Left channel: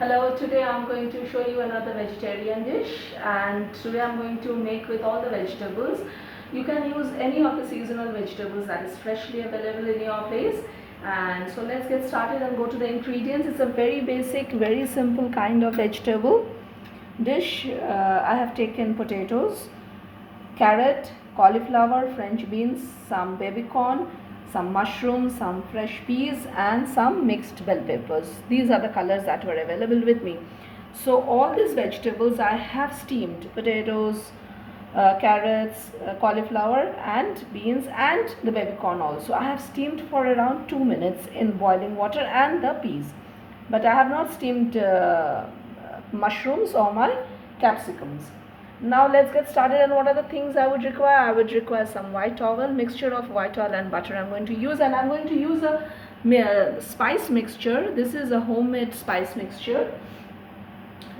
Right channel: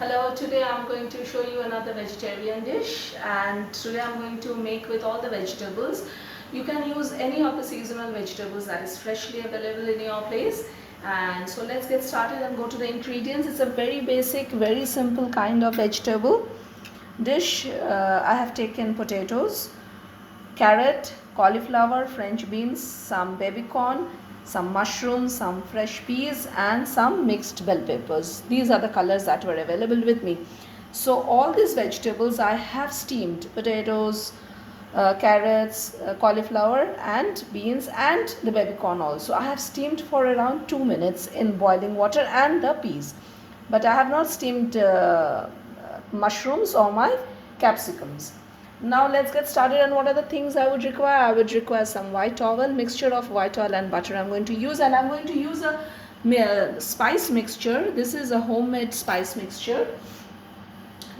Hello, today I'm going to show you another vegetarian dish, and today I'm going to make with all the vegetables. You can use any of the seasonal vegetables that is freshly available in your place. And so let's get started and go to the ingredients. It's a very basic, very simple kind of vegetable dish. I have taken potatoes, carrot, cauliflower, French beans, some baby corn, some mushrooms, some fresh peas and some mixed bell peppers. These are the colors that were available with me. So all these vegetables I have steamed: potatoes, carrots, cauliflower and beans and the baby corn also. I have steamed for around 2 minutes in boiling water, and the peas. But I have not steamed mushrooms or my capsicums. Now let's get started. And what are the things I would require? I would require some white oil, mixture of white oil and butter I'm going to use, and I'm going to use a spice mixture. This is a homemade spice mixture.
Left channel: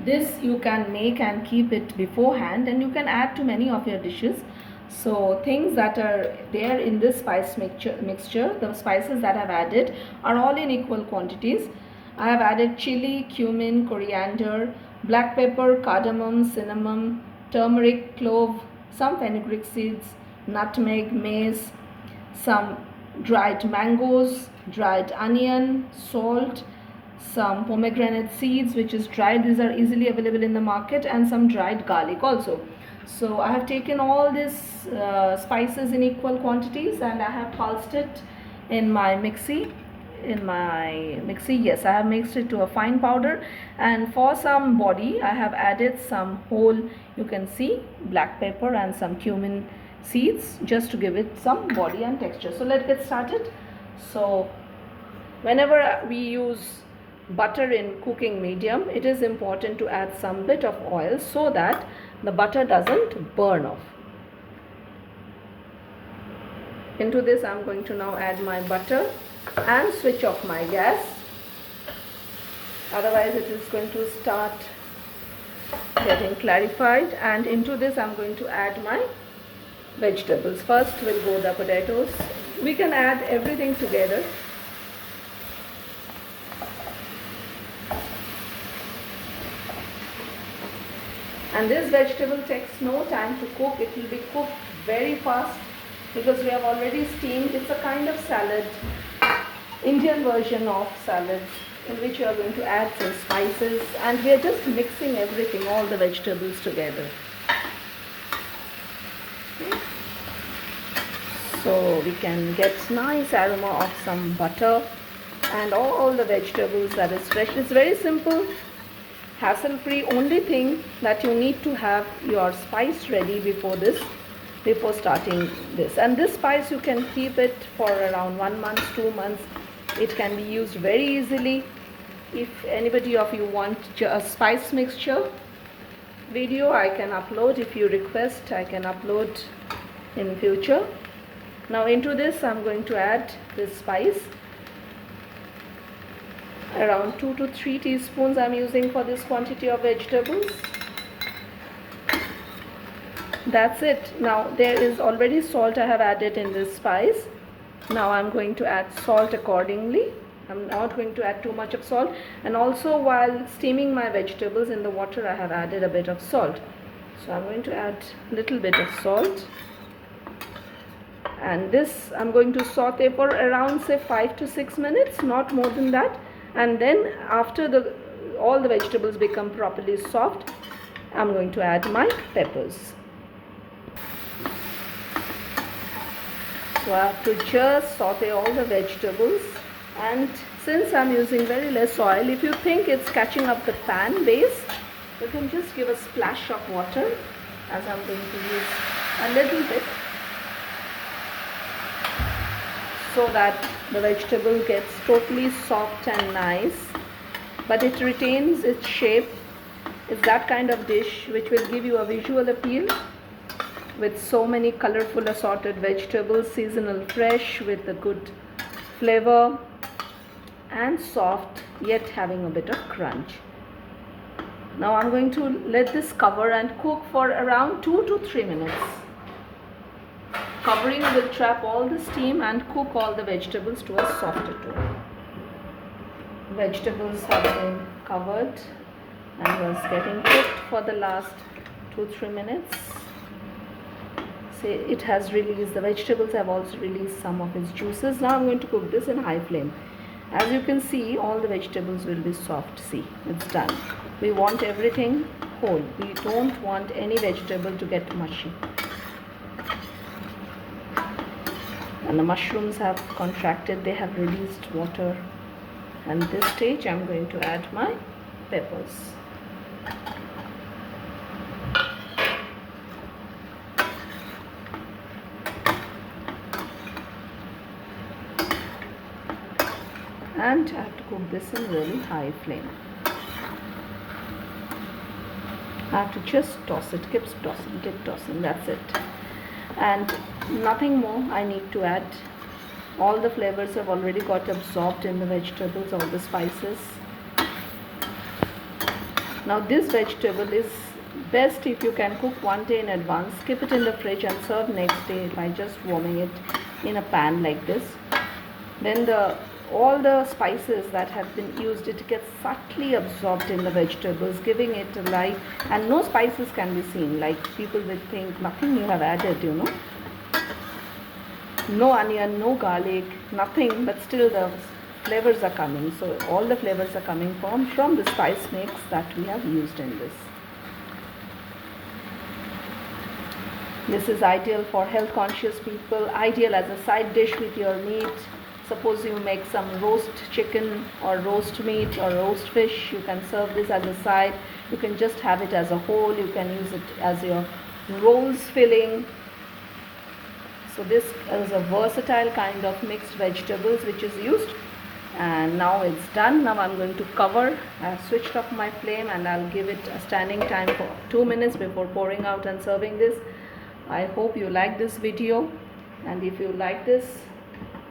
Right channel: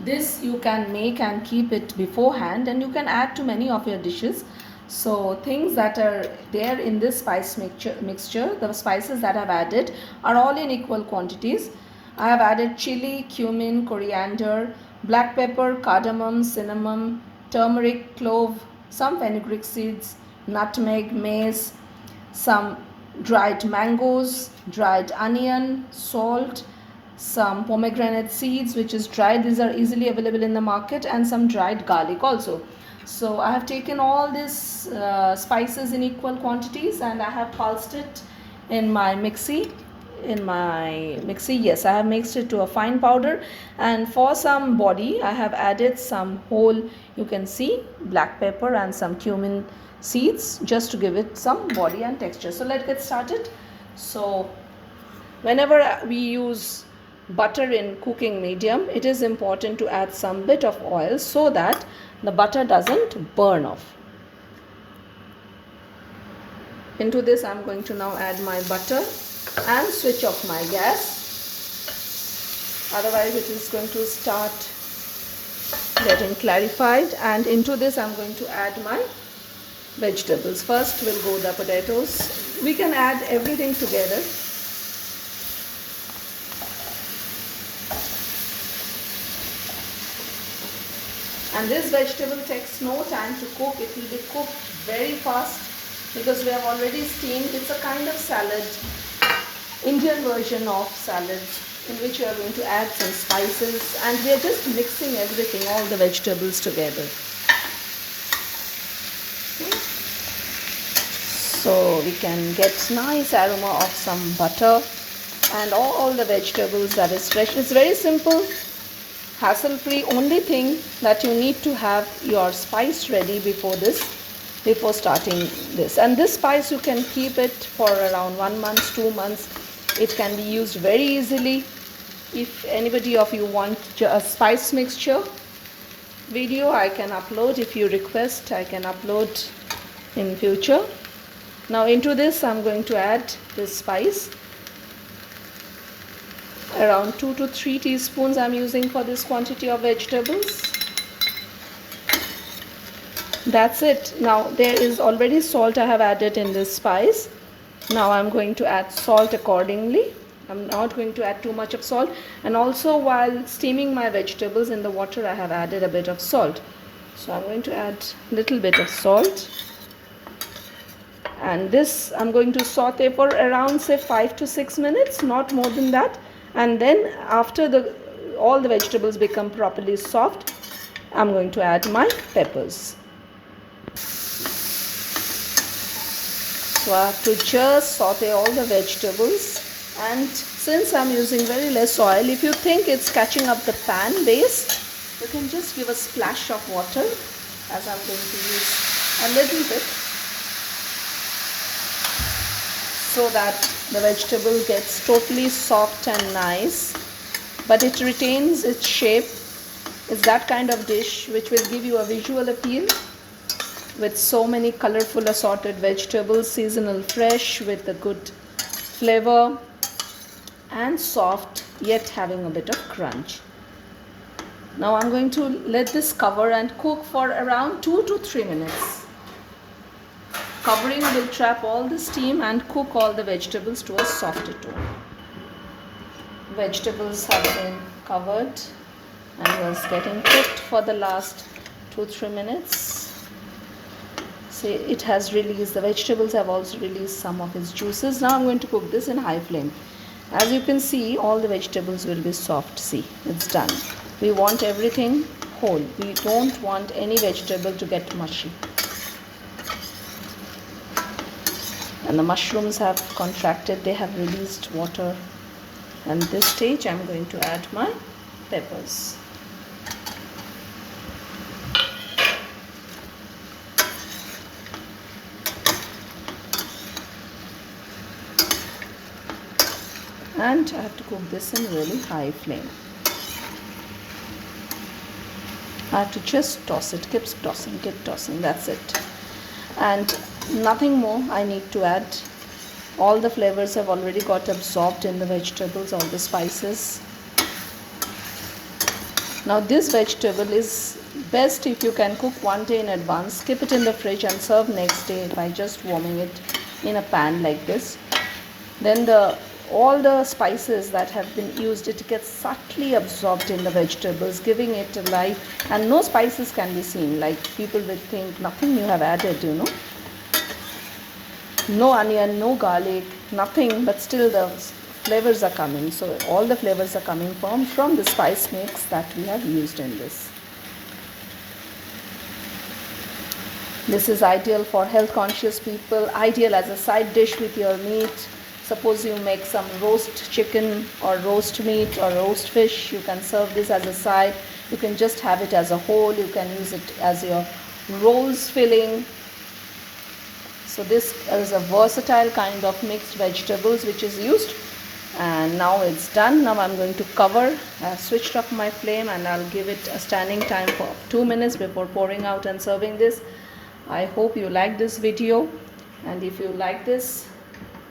This you can make and keep it beforehand, and you can add to many of your dishes. So things that are there in this spice mixture, the spices that I've added are all in equal quantities. I have added chili, cumin, coriander, black pepper, cardamom, cinnamon, turmeric, clove, some fenugreek seeds, nutmeg, mace, some dried mangoes, dried onion, salt, some pomegranate seeds which is dried. These are easily available in the market, and some dried garlic also. So I have taken all these spices in equal quantities, and I have pulsed it in my mixie. Yes, I have mixed it to a fine powder. And for some body I have added some whole, you can see, black pepper and some cumin seeds, just to give it some body and texture. So let's get started. So whenever we use butter in cooking medium, it is important to add some bit of oil so that the butter doesn't burn off. Into this I'm going to now add my butter and switch off my gas, otherwise it is going to start getting clarified. And into this I'm going to add my vegetables. First will go the potatoes. We can add everything together. And this vegetable takes no time to cook. It will be cooked very fast because we have already steamed. It's a kind of salad, Indian version of salad, in which we are going to add some spices, and we are just mixing everything, all the vegetables together. Okay. So we can get nice aroma of some butter and all the vegetables that is fresh. It's very simple, hassle-free. Only thing that you need to have your spice ready before starting this. And this spice you can keep it for around 1 month, 2 months. It can be used very easily. If anybody of you want a spice mixture video, I can upload. If you request, I can upload in future. Now into this I'm going to add this spice. Around 2 to 3 teaspoons I'm using for this quantity of vegetables. That's it. Now there is already salt I have added in this spice. Now I'm going to add salt accordingly. I'm not going to add too much of salt. And also while steaming my vegetables in the water, I have added a bit of salt. So I'm going to add a little bit of salt. And this I'm going to saute for around, say, 5 to 6 minutes, not more than that. And then after all the vegetables become properly soft, I'm going to add my peppers. So I have to just saute all the vegetables, and since I'm using very less oil, if you think it's catching up the pan base, you can just give a splash of water, as I'm going to use a little bit, so that the vegetable gets totally soft and nice, but it retains its shape. It's that kind of dish which will give you a visual appeal, with so many colorful assorted vegetables, seasonal, fresh, with a good flavor, and soft yet having a bit of crunch. Now I'm going to let this cover and cook for around 2 to 3 minutes. Covering will trap all the steam and cook all the vegetables to a softer tone. Vegetables have been covered and was getting cooked for the last 2-3 minutes. See, it has released, the vegetables have also released some of its juices. Now I'm going to cook this in high flame. As you can see, all the vegetables will be soft. See, it's done. We want everything whole. We don't want any vegetable to get mushy. And the mushrooms have contracted, they have released water. And this stage I'm going to add my peppers. And I have to cook this in really high flame. I have to just toss it, keep tossing, that's it. And nothing more I need to add. All the flavors have already got absorbed in the vegetables, all the spices. Now this vegetable is best if you can cook one day in advance, keep it in the fridge and serve next day by just warming it in a pan like this. Then all the spices that have been used, it gets subtly absorbed in the vegetables, giving it a life, and no spices can be seen, like people will think nothing you have added, you know. No onion, no garlic, nothing, but still the flavors are coming. So all the flavors are coming from the spice mix that we have used in this. This is ideal for health conscious people, ideal as a side dish with your meat. Suppose you make some roast chicken or roast meat or roast fish, you can serve this as a side. You can just have it as a whole, you can use it as your rolls filling. So this is a versatile kind of mixed vegetables which is used. And now it's done. Now I'm going to cover. I've switched off my flame and I'll give it a standing time for 2 minutes before pouring out and serving this. I hope you like this video, and if you like this,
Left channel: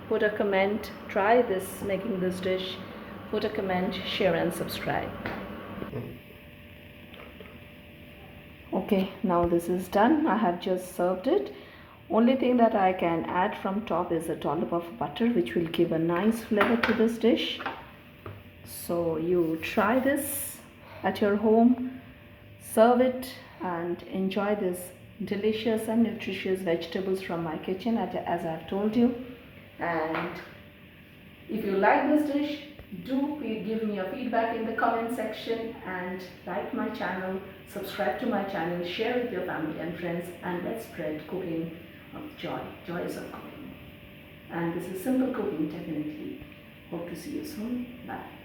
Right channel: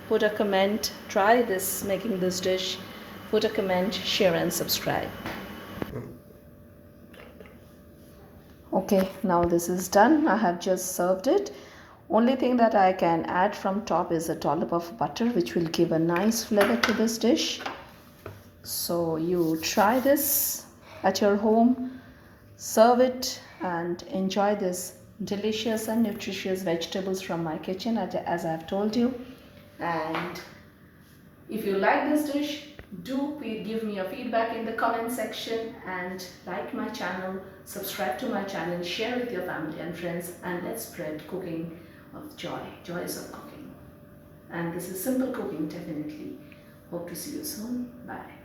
put a comment, try this, making this dish, put a comment, share and subscribe. Okay, now this is done. I have just served it. Only thing that I can add from top is a dollop of butter, which will give a nice flavor to this dish. So you try this at your home, serve it and enjoy this delicious and nutritious vegetables from my kitchen, as I've told you. And if you like this dish, do please give me your feedback in the comment section, and like my channel, subscribe to my channel, share with your family and friends, and let's spread cooking of joys of cooking. And this is simple cooking, definitely. Hope to see you soon. Bye.